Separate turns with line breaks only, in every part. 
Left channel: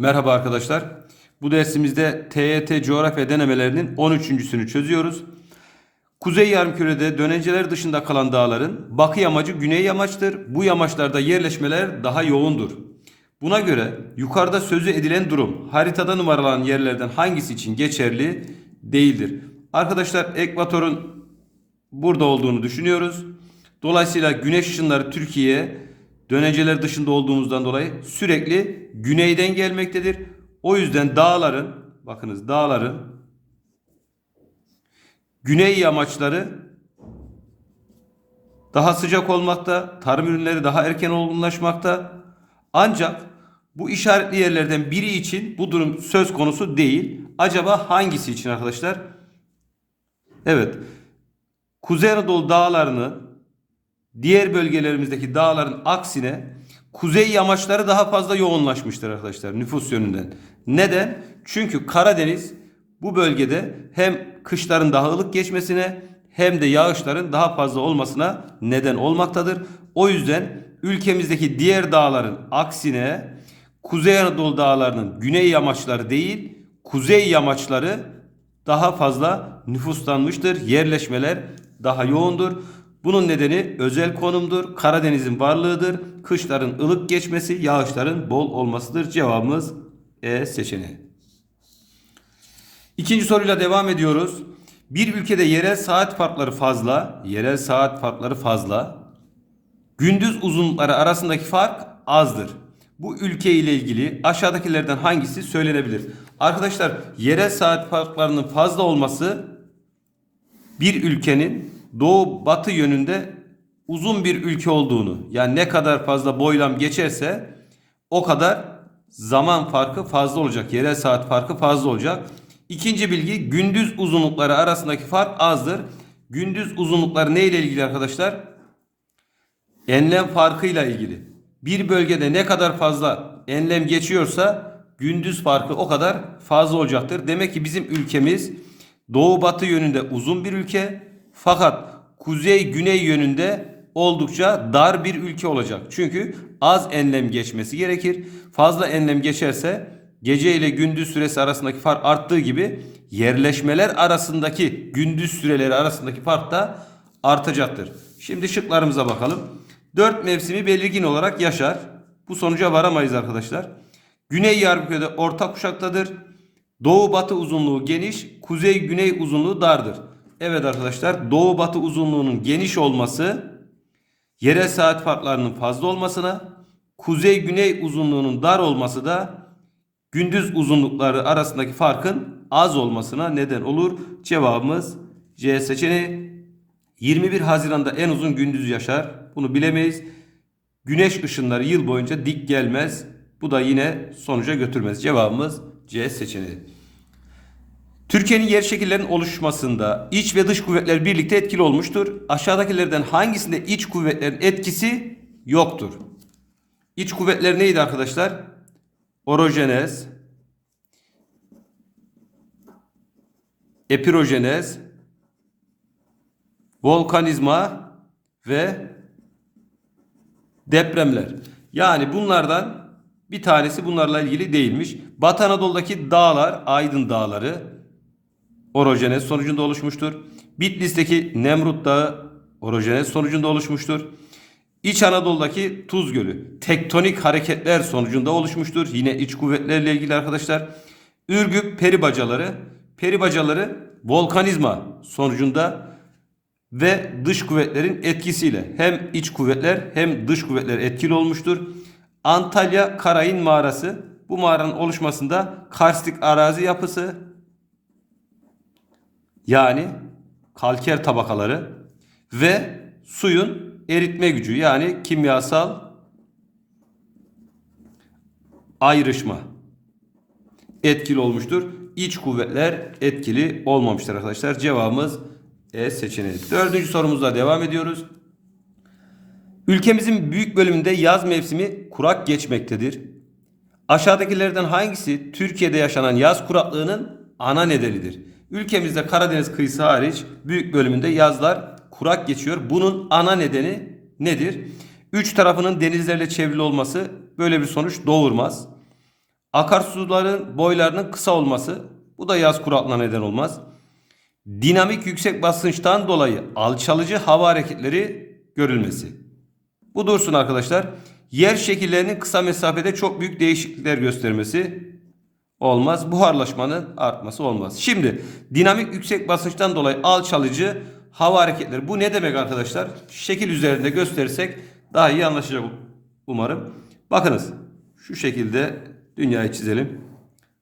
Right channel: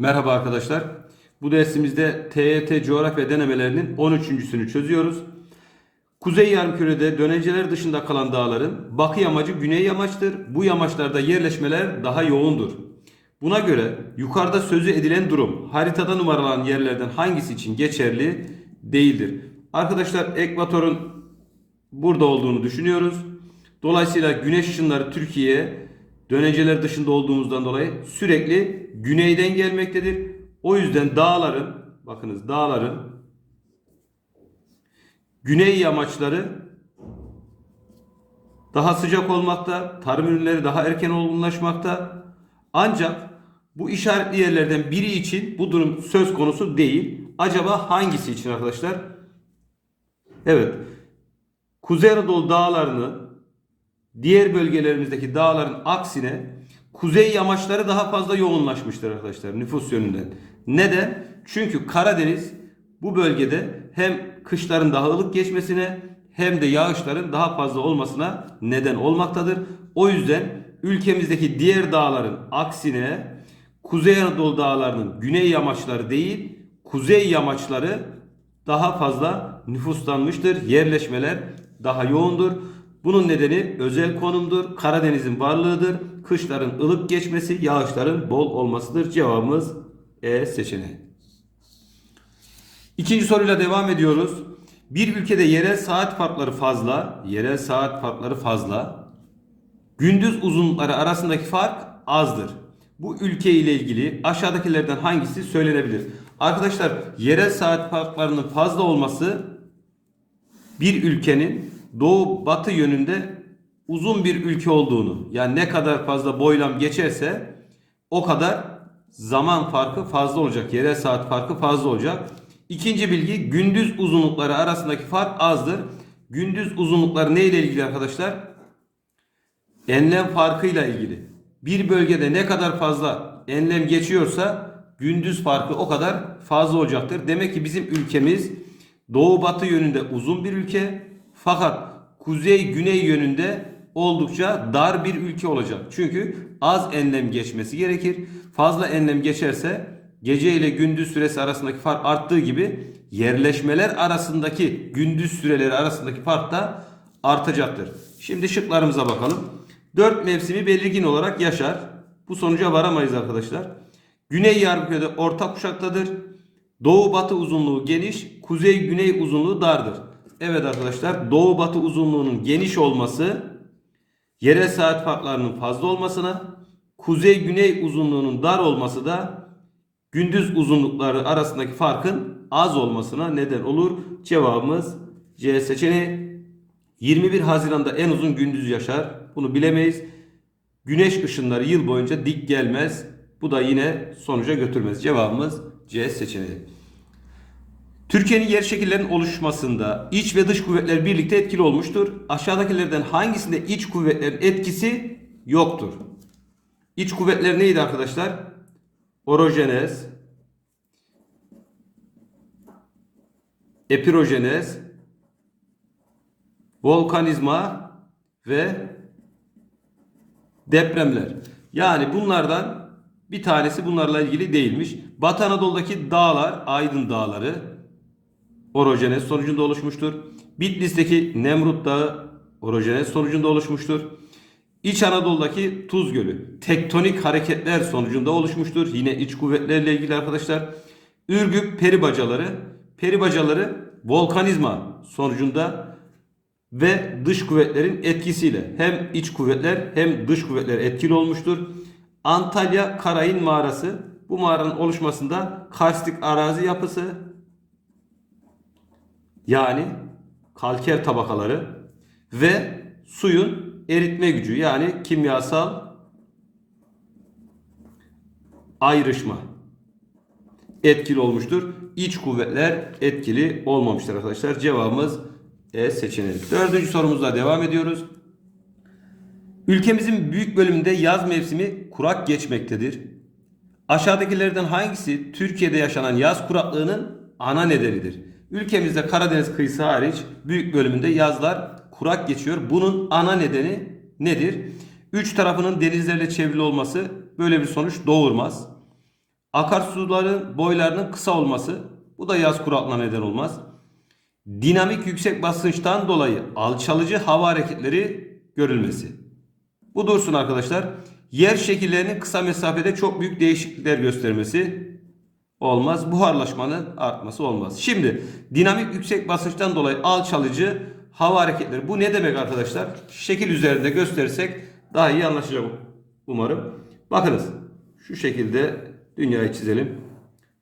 Merhaba arkadaşlar. Bu dersimizde TYT coğrafya denemelerinin 13.sünü çözüyoruz. Kuzey yarımkürede dönenceler dışında kalan dağların bakı yamacı güney yamaçtır. Bu yamaçlarda yerleşmeler daha yoğundur. Buna göre yukarıda sözü edilen durum haritada numaralanan yerlerden hangisi için geçerli değildir? Arkadaşlar ekvatorun burada olduğunu düşünüyoruz. Dolayısıyla güneş ışınları Türkiye'ye dönenceler dışında olduğumuzdan dolayı sürekli güneyden gelmektedir. O yüzden dağların bakınız dağların güney yamaçları daha sıcak olmakta, tarım ürünleri daha erken olgunlaşmakta. Ancak bu işaretli yerlerden biri için bu durum söz konusu değil. Acaba hangisi için arkadaşlar? Evet. Kuzey Anadolu dağlarını diğer bölgelerimizdeki dağların aksine kuzey yamaçları daha fazla yoğunlaşmıştır arkadaşlar nüfus yönünden. Neden? Çünkü Karadeniz bu bölgede hem kışların daha ılık geçmesine hem de yağışların daha fazla olmasına neden olmaktadır. O yüzden ülkemizdeki diğer dağların aksine Kuzey Anadolu dağlarının güney yamaçları değil, kuzey yamaçları daha fazla nüfuslanmıştır. Yerleşmeler daha yoğundur. Bunun nedeni özel konumdur. Karadeniz'in varlığıdır. Kışların ılık geçmesi, yağışların bol olmasıdır. Cevabımız E seçeneği. İkinci soruyla devam ediyoruz. Bir ülkede yerel saat farkları fazla, yerel saat farkları fazla. Gündüz uzunlukları arasındaki fark azdır. Bu ülke ile ilgili aşağıdakilerden hangisi söylenebilir? Arkadaşlar yerel saat farklarının fazla olması bir ülkenin doğu batı yönünde uzun bir ülke olduğunu yani ne kadar fazla boylam geçerse o kadar zaman farkı fazla olacak. Yerel saat farkı fazla olacak. İkinci bilgi gündüz uzunlukları arasındaki fark azdır. Gündüz uzunlukları ne ile ilgili arkadaşlar? Enlem farkıyla ilgili. Bir bölgede ne kadar fazla enlem geçiyorsa gündüz farkı o kadar fazla olacaktır. Demek ki bizim ülkemiz doğu batı yönünde uzun bir ülke fakat kuzey güney yönünde oldukça dar bir ülke olacak. Çünkü az enlem geçmesi gerekir. Fazla enlem geçerse gece ile gündüz süresi arasındaki fark arttığı gibi yerleşmeler arasındaki gündüz süreleri arasındaki fark da artacaktır. Şimdi şıklarımıza bakalım. Dört mevsimi belirgin olarak yaşar. Bu sonuca varamayız arkadaşlar. Güney yarımkürede orta kuşaktadır. Doğu batı uzunluğu geniş, kuzey güney uzunluğu dardır. Evet arkadaşlar doğu batı uzunluğunun geniş olması yerel saat farklarının fazla olmasına, kuzey güney uzunluğunun dar olması da gündüz uzunlukları arasındaki farkın az olmasına neden olur. Cevabımız C seçeneği. 21 Haziran'da en uzun gündüz yaşar. Bunu bilemeyiz. Güneş ışınları yıl boyunca dik gelmez. Bu da yine sonuca götürmez. Cevabımız C seçeneği. Türkiye'nin yer şekillerinin oluşmasında iç ve dış kuvvetler birlikte etkili olmuştur. Aşağıdakilerden hangisinde iç kuvvetlerin etkisi yoktur? İç kuvvetler neydi arkadaşlar? Orojenez, epirojenez, volkanizma ve depremler. Yani bunlardan bir tanesi bunlarla ilgili değilmiş. Batı Anadolu'daki dağlar, Aydın Dağları orojenez sonucunda oluşmuştur. Bitlis'teki Nemrut Dağı orojenez sonucunda oluşmuştur. İç Anadolu'daki Tuz Gölü tektonik hareketler sonucunda oluşmuştur. Yine iç kuvvetlerle ilgili arkadaşlar. Ürgüp peribacaları, peribacaları volkanizma sonucunda ve dış kuvvetlerin etkisiyle hem iç kuvvetler hem dış kuvvetler etkili olmuştur. Antalya Karayın Mağarası bu mağaranın oluşmasında karstik arazi yapısı yani kalker tabakaları ve suyun eritme gücü yani kimyasal ayrışma etkili olmuştur. İç kuvvetler etkili olmamıştır arkadaşlar. Cevabımız E seçeneği. Dördüncü sorumuzla devam ediyoruz. Ülkemizin büyük bölümünde yaz mevsimi kurak geçmektedir. Aşağıdakilerden hangisi Türkiye'de yaşanan yaz kuraklığının ana nedenidir? Ülkemizde Karadeniz kıyısı hariç büyük bölümünde yazlar kurak geçiyor. Bunun ana nedeni nedir? Üç tarafının denizlerle çevrili olması böyle bir sonuç doğurmaz. Akarsuların boylarının kısa olması. Bu da yaz kuraklığına neden olmaz. Dinamik yüksek basınçtan dolayı alçalıcı hava hareketleri görülmesi. Bu dursun arkadaşlar. Yer şekillerinin kısa mesafede çok büyük değişiklikler göstermesi olmaz. Buharlaşmanın artması olmaz. Şimdi dinamik yüksek basınçtan dolayı alçalıcı hava hareketleri. Bu ne demek arkadaşlar? Şekil üzerinde gösterirsek daha iyi anlaşılacak umarım. Bakınız şu şekilde dünyayı çizelim.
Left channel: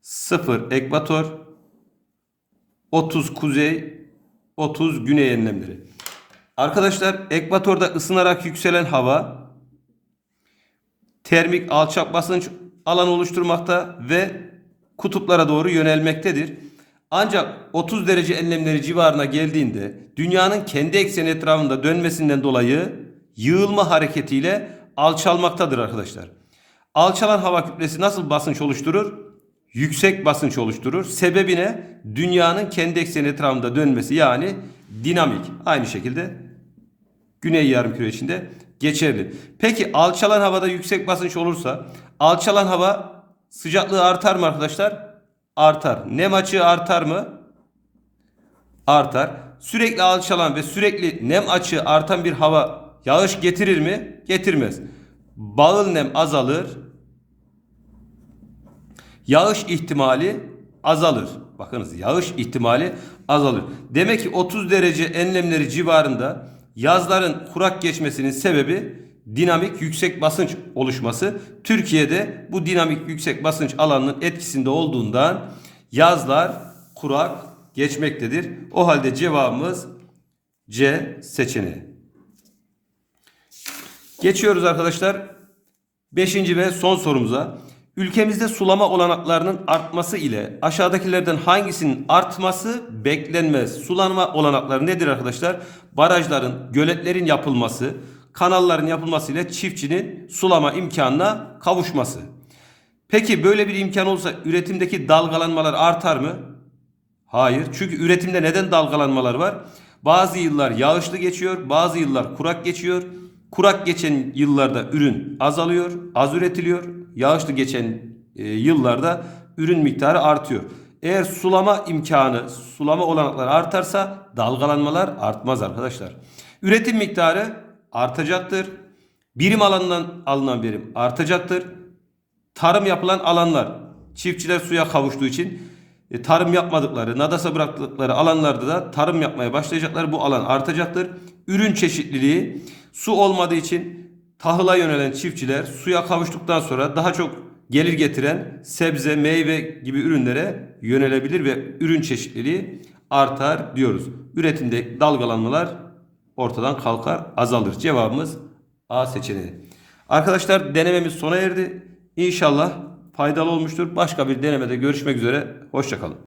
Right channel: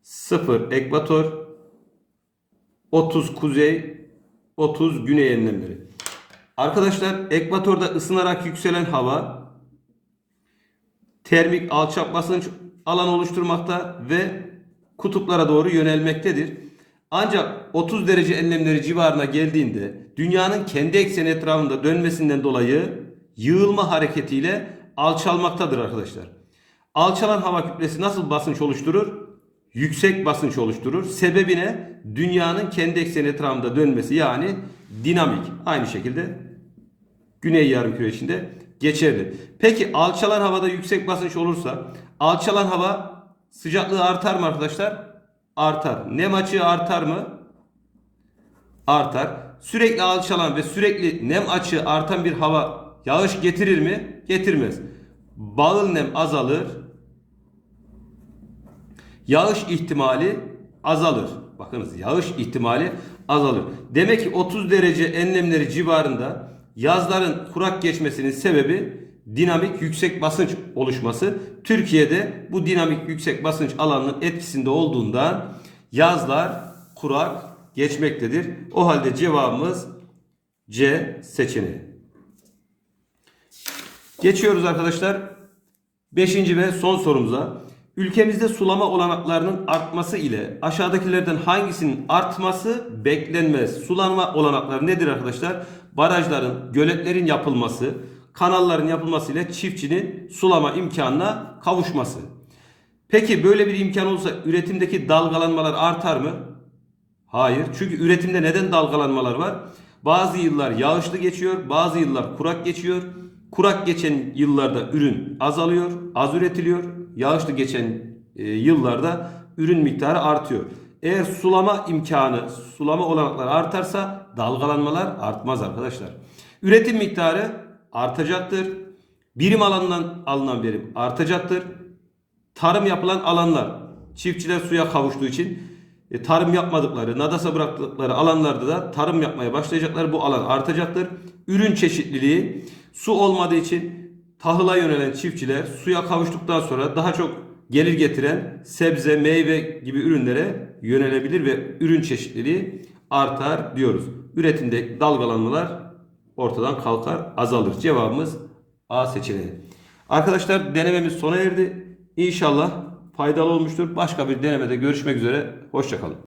0 ekvator 30 kuzey 30 güney enlemleri. Arkadaşlar ekvatorda ısınarak yükselen hava termik alçak basınç alanı oluşturmakta ve kutuplara doğru yönelmektedir. Ancak 30 derece enlemleri civarına geldiğinde dünyanın kendi ekseni etrafında dönmesinden dolayı yığılma hareketiyle alçalmaktadır arkadaşlar. Alçalan hava kütlesi nasıl basınç oluşturur? Yüksek basınç oluşturur. Sebebi ne? Dünyanın kendi ekseni etrafında dönmesi yani dinamik. Aynı şekilde Güney yarımküre içinde geçerli. Peki alçalan havada yüksek basınç olursa alçalan hava sıcaklığı artar mı arkadaşlar? Artar. Nem açığı artar mı? Artar. Sürekli alçalan ve sürekli nem açığı artan bir hava yağış getirir mi? Getirmez. Bağıl nem azalır. Yağış ihtimali azalır. Bakınız yağış ihtimali azalır. Demek ki 30 derece enlemleri civarında yazların kurak geçmesinin sebebi dinamik yüksek basınç oluşması. Türkiye'de bu dinamik yüksek basınç alanının etkisinde olduğundan yazlar kurak geçmektedir. O halde cevabımız C seçeneği. Geçiyoruz arkadaşlar. Beşinci ve son sorumuza. Ülkemizde sulama olanaklarının artması ile aşağıdakilerden hangisinin artması beklenmez? Sulama olanakları nedir arkadaşlar? Barajların, göletlerin yapılması, kanalların yapılması ile çiftçinin sulama imkanına kavuşması. Peki böyle bir imkan olsa üretimdeki dalgalanmalar artar mı? Hayır. Çünkü üretimde neden dalgalanmalar var? Bazı yıllar yağışlı geçiyor, bazı yıllar kurak geçiyor. Kurak geçen yıllarda ürün azalıyor, az üretiliyor. Yağışlı geçen e, yıllarda ürün miktarı artıyor. Eğer sulama imkanı, sulama olanakları artarsa dalgalanmalar artmaz arkadaşlar. Üretim miktarı artacaktır. Birim alanından alınan verim artacaktır. Tarım yapılan alanlar, çiftçiler suya kavuştuğu için e, tarım yapmadıkları, nadasa bıraktıkları alanlarda da tarım yapmaya başlayacaklar. Bu alan artacaktır. Ürün çeşitliliği su olmadığı için tahıla yönelen çiftçiler suya kavuştuktan sonra daha çok gelir getiren sebze, meyve gibi ürünlere yönelebilir ve ürün çeşitliliği artar diyoruz. Üretimde dalgalanmalar ortadan kalkar, azalır. Cevabımız A seçeneği. Arkadaşlar denememiz sona erdi. İnşallah faydalı olmuştur. Başka bir denemede görüşmek üzere. Hoşçakalın.